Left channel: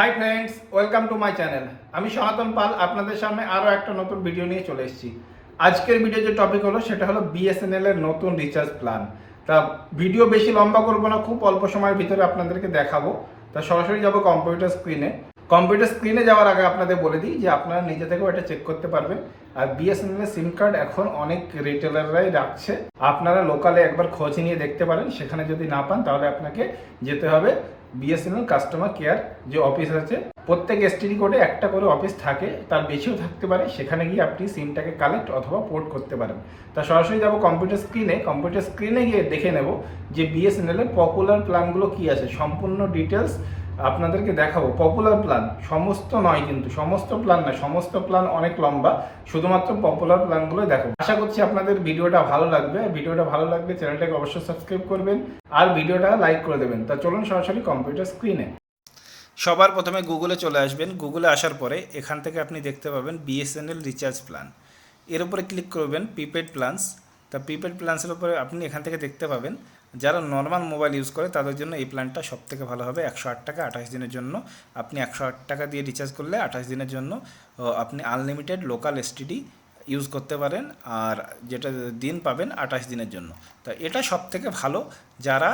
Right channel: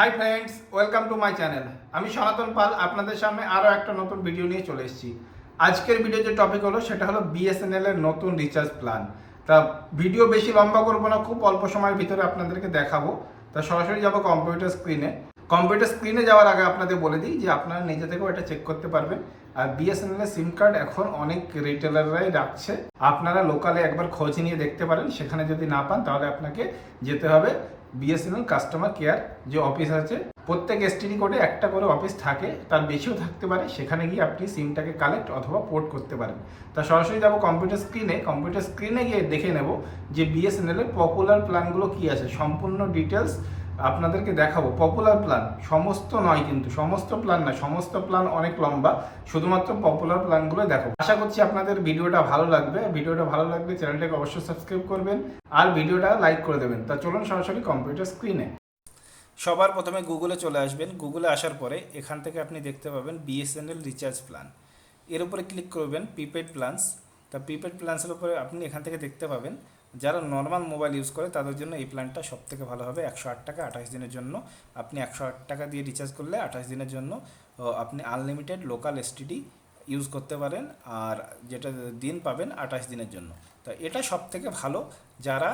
Hi friends, welcome to my channel. আমি সনাতন পাল আপনাদের সামনে আরও একটা নতুন ভিডিও নিয়ে চলে এসেছি। আজকের ভিডিও যে টপিক হলো সেটা হলো বিএসএনএল এর নতুন রিচার্জ প্ল্যান। তা ভিডিও বেশি লম্বা করবো না, খুব অল্প সময়ের ভিতরে আপনাদেরকে দেখাবো। তা সরাসরি যাবো কম্পিউটার স্ক্রিনে যাওয়ার আগে আপনাদের বলে দিই যে আপনারা নিজে থেকেও এটা চেক করতে পারবেন। আর বিএসএনএল এর সিম কার্ড এখন অনেক রিটেলাররাই রাখছে, আপনারা লোকালে একবার খোঁজ নিয়ে দেখতে পারেন। সেখানে যদি না পান তাহলে আপনাকে যেতে হবে বিএসএনএল কাস্টমার কেয়ার যে অফিস আছে। প্রত্যেক এসটিডি কোডে একটা করে অফিস থাকে, তার বেশিও থাকতে পারে। সেখানে গিয়ে আপনি সিমটাকে কালেক্ট অথবা পোর্ট করতে পারেন। তা সরাসরি যাবো কম্পিউটার স্ক্রিনে গিয়ে দেখে নেব যে বিএসএনএল এর পপুলার প্ল্যানগুলো কী আছে। সম্পূর্ণ ডিটেলস আপনাদেরকে দেখাবো। পপুলার প্ল্যান সমস্ত নয়, কিন্তু সমস্ত প্ল্যান না, সমস্ত প্ল্যান অনেক লম্বা, শুধুমাত্র পপুলার প্ল্যানগুলোই দেখো। আশা করছি আপনাদের ভিডিওটা ভালো লাগবে। চ্যানেলটাকে অবশ্যই সাবস্ক্রাইব করবেন আর ভিডিওটা লাইক করে দেবেন। তা চলুন সরাসরি কম্পিউটার স্ক্রিনে। সবার প্রথমে গুগলে চলে আসবেন। গুগলে আসার পরে এখান থেকে আপনি দেখতে পাবেন বিএসএনএল রিচার্জ প্ল্যান। এর উপরে ক্লিক করবেন প্রিপেড প্ল্যানস। তা প্রিপেড প্ল্যান্সের উপরে আপনি এখান থেকে দেখতে পাবেন যারা নর্মাল মোবাইল ইউজ করে তাদের জন্য এই প্ল্যানটা সব থেকে ভালো হবে। 108 টাকা 28 দিনের জন্য আপনি 108 টাকা দিয়ে রিচার্জ করলে 28 দিনের জন্য আপনি আনলিমিটেড লোকাল এসটিডি ইউজ করতে পারেন, আর যেটা দিন পাবেন 28 দিনের জন্য। তা এটা সব থেকে ভালো যারা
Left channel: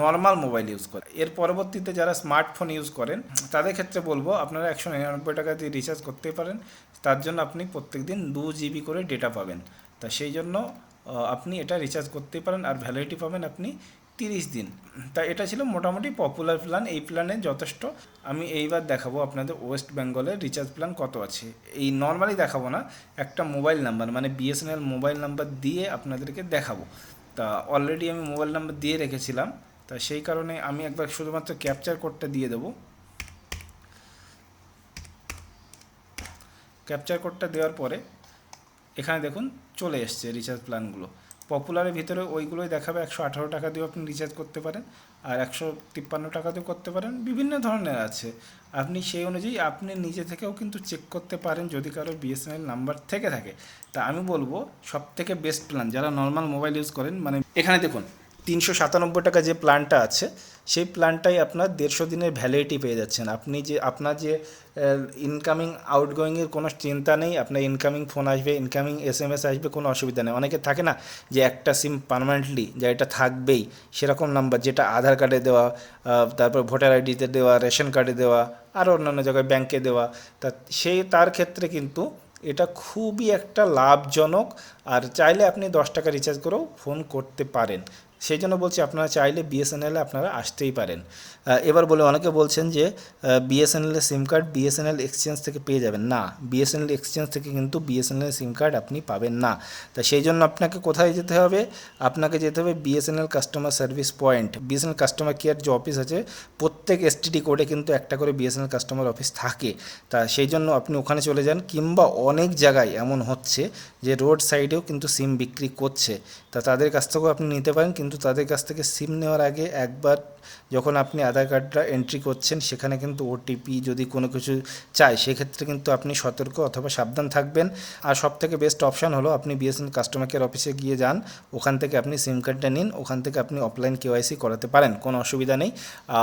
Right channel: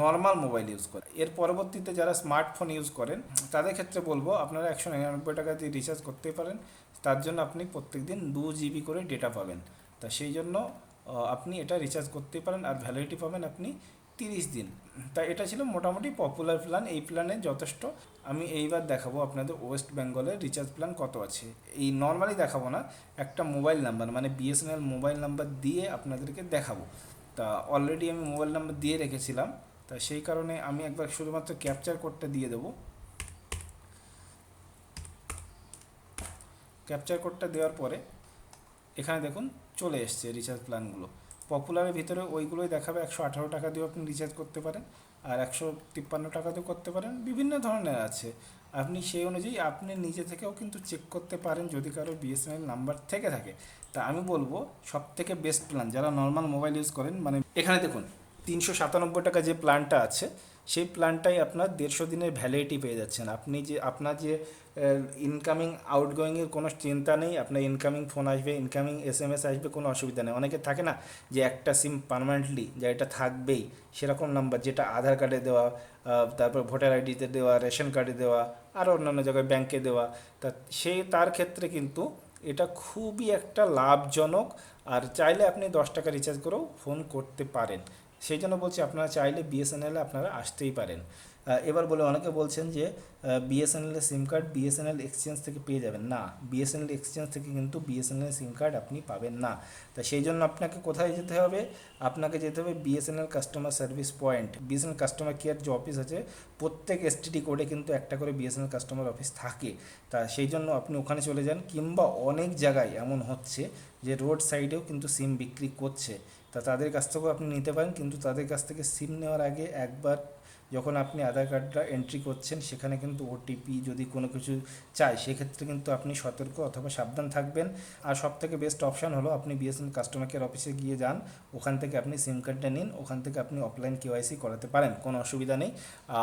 নর্মাল মোবাইল ইউজ করে। এর পরবর্তীতে যারা স্মার্টফোন ইউজ করেন তাদের ক্ষেত্রে বলবো আপনারা 199 টাকা দিয়ে রিচার্জ করতেই পারেন। তার জন্য আপনি প্রত্যেক দিন 2 জিবি করে ডেটা পাবেন। তা সেই জন্য আপনি এটা রিচার্জ করতেই পারেন, আর ভ্যালিডিটি পাবেন আপনি 30 দিন। তা এটা ছিল মোটামুটি পপুলার প্ল্যান। এই প্ল্যানে যথেষ্ট। আমি এইবার দেখাবো আপনাদের ওয়েস্ট বেঙ্গলের রিচার্জ প্ল্যান কত আছে। এই নর্মালি দেখাবো না, একটা মোবাইল নাম্বার মানে বিএসএনএল মোবাইল নাম্বার দিয়ে আপনাদেরকে দেখাবো। তা অলরেডি আমি মোবাইল নাম্বার দিয়ে রেখেছিলাম, তা সেই কারণে আমি একবার শুধুমাত্র ক্যাপচার কোডটা দিয়ে দেবো। ক্যাপচার কোডটা দেওয়ার পরে এখানে দেখুন চলে এসছে রিচার্জ প্ল্যানগুলো। পপুলারের ভিতরে ওইগুলোই দেখাবে। 118 টাকা দিয়েও আপনি রিচার্জ করতে পারেন, আর 153 টাকা দিয়েও করতে পারেন। বিভিন্ন ধরনের আছে, আপনি সেই অনুযায়ী আপনি নিজে থেকেও কিন্তু চেক করতে পারেন যদি কারো বিএসএনএল নাম্বার থেকে থাকে। তা আমি বলবো সব থেকে বেস্ট প্ল্যান যারা নর্মাল মোবাইল ইউজ করেন, মানে এখানে দেখুন 397 টাকা যে প্ল্যানটা আছে সেই প্ল্যানটাই আপনার 150 দিনের ভ্যালিডিটি পেয়ে যাচ্ছেন। আপনার যে ইনকামিং আউটগোয়িংয়ের কোনো চিন্তা নেই। আপনার ইনকামিং ফোন আসবে, ইনকামিং এসএমএস আসবে, কোনো অসুবিধা নেই। অনেকে থাকে না যে একটা সিম পার্মানেন্টলি যা এটা থাকবেই, সেরকম নাম্বার যেটা আধার কার্ডে দেওয়া, তারপর ভোটার আইডিতে দেওয়া, রেশন কার্ডে দেওয়া, আরও অন্যান্য জায়গায় ব্যাংকে দেওয়া। তা তার ক্ষেত্রে কিন্তু এটা খুবই একটা লাভজনক। আর চাইলে আপনি 10 টাকা রিচার্জ করেও ফোন করতে পারেন। সেই জন্য বলছি আপনারা চাইলে বিএসএনএলে আপনারা আসতেই পারেন। এবার অনেকে বলছেন যে বিএসএনএলের সিম কার্ড বিএসএনএল এক্সচেঞ্জ থেকে পেয়ে যাবেন। না, বিএসএনএল এক্সচেঞ্জ থেকে কিন্তু বিএসএনএল সিম কার্ড আপনি পাবেন না। তা সেই জন্য আপনাকে কোথায় যেতে হবে? আপনাকে যেতে হবে BSNL customer service point. BSNL customer care যে অফিস আছে, প্রত্যেক এসটিডি কোডে কিন্তু একটা করে বিএসএনএল কাস্টমার অফিস থাকে। তা সেই জন্য আপনি ওখানে চলে যান, কিংবা অনেক জায়গায় এমন হচ্ছে যে রোড সাইডেও কিন্তু সিম বিক্রি করছে। তা তাদের কাছ থেকেও আপনি নিতে পারেন, কিন্তু তাদের কাছ থেকে সিম নেওয়ার আগে একবার যখন আপনি আধার কার্ডটা এন্ট্রি করছেন সেখানে কিন্তু ওটিপি যদি কোনো কিছু চায় সেক্ষেত্রে কিন্তু আপনি সতর্ক অথবা সাবধান থাকবেন। আর সবথেকে বেস্ট অপশান হলো আপনি বিএসএনএল কাস্টমার কেয়ার অফিসে গিয়ে যান, ওখান থেকে আপনি সিম কার্ডটা নিন, ওখান থেকে আপনি অফলাইন কেওয়াইসি করাতে পারেন, কোনো অসুবিধা নেই।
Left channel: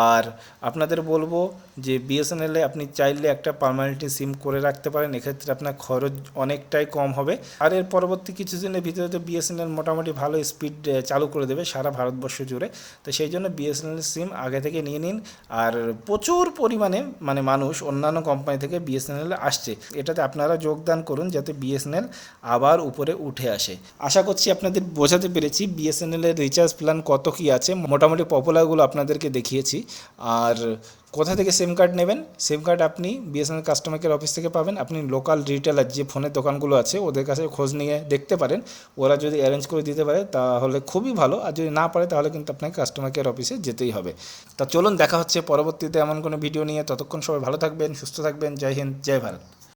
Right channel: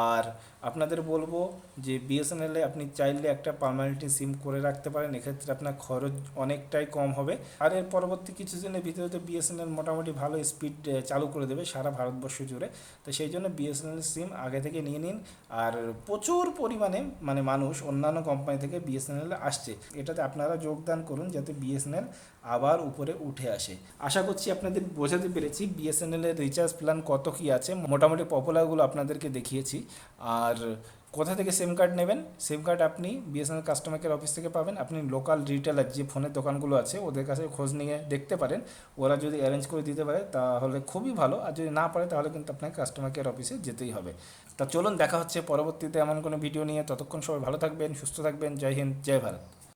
আর আপনাদের বলবো যে বিএসএনএলে আপনি চাইলে একটা পার্মানেন্টলি সিম করে রাখতে পারেন, এক্ষেত্রে আপনার খরচ অনেকটাই কম হবে। আর এর পরবর্তী কিছুদিনের ভিতরে তো বিএসএনএল মোটামুটি ভালো স্পিড চালু করে দেবে সারা ভারতবর্ষ জুড়ে। তো সেই জন্য বিএসএনএল সিম আগে থেকে নিয়ে নিন। আর প্রচুর পরিমাণে মানে মানুষ অন্যান্য কোম্পানি থেকে বিএসএনএল আসছে, এটাতে আপনারা যোগদান করুন যাতে বিএসএনএল আবার উপরে উঠে আসে। আশা করছি আপনাদের বোঝাতে পেরেছি বিএসএনএলের রিচার্জ প্ল্যান কত কী আছে। মোটামুটি পপুলারগুলো আপনাদেরকে দেখিয়েছি। আর কোথা থেকে সিম কার্ড নেবেন? সিম কার্ড আপনি বিএসএনএল কাস্টমার কেয়ার অফিস থেকে পাবেন। আপনি লোকাল রিটেলার যে ফোনের দোকানগুলো আছে ওদের কাছে খোঁজ নিয়ে দেখতে পারেন, ওরা যদি অ্যারেঞ্জ করে দিতে পারে তাহলে খুবই ভালো। আর যদি না পারে তাহলে কিন্তু আপনাকে কাস্টমার কেয়ার অফিসে যেতেই হবে। তা চলুন দেখা হচ্ছে পরবর্তীতে এমন কোনো ভিডিও নিয়ে। ততক্ষণ সবাই ভালো থাকবেন, সুস্থ থাকবেন। জয় হিন্দ, জয় ভারত।